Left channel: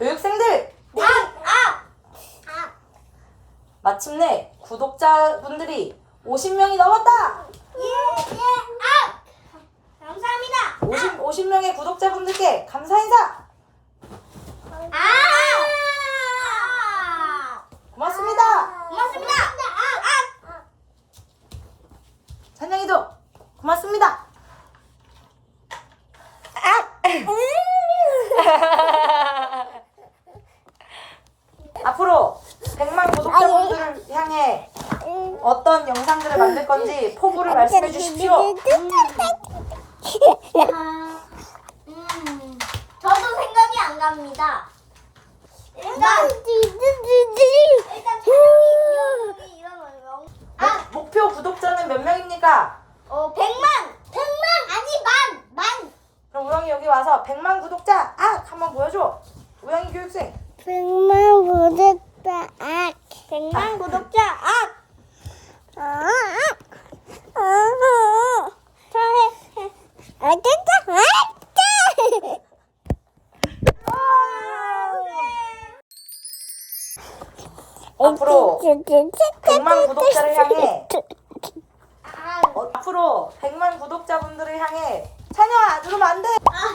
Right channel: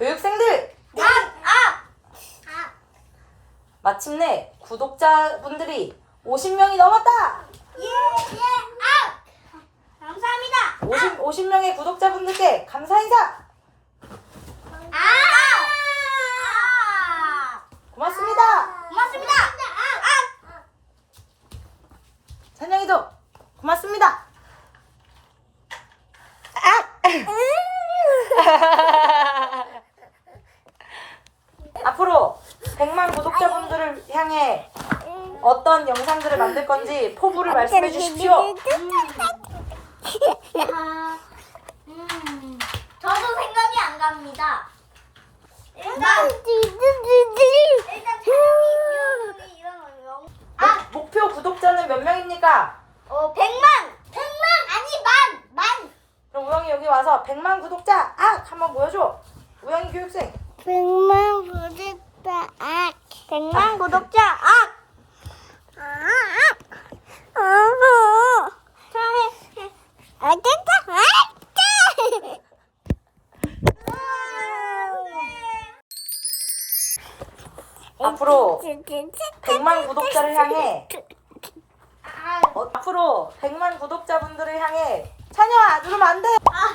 교육생들 아! 아! 아! 마침내 구독자분들이 50명이 넘었다. 예! 예! 아! 감사합니다. 50, 50명의 구독자분들께 감사 인사. 아! 아! 고맙습니다. 고맙습니다. 아! 아! 찬영이도 고맙습니다. 앞으로 100만 구독자분들을 향해 어떤 영상들을 만들 건지 포부를 말씀해 주십시오. 아, 음, 저도 생각이 안 갑니다. 일단, 일단 촬영이 이런 영. 아, 목- 목표 구독자는 몇 명입니까? 어, 100만! 100만! 아니, 만! 만! 그럼 우영이 여기 와서 100만 구독자 아 한번 보여줘. 우영이 교육생. 백만 100만 구독자 업! 아, 아, 아, 아. 됐다! 앞으로 100만 구독자를 향해 어, 앞으로 100만 구독자분들을 향해 찬영아 누르면 안돼 아,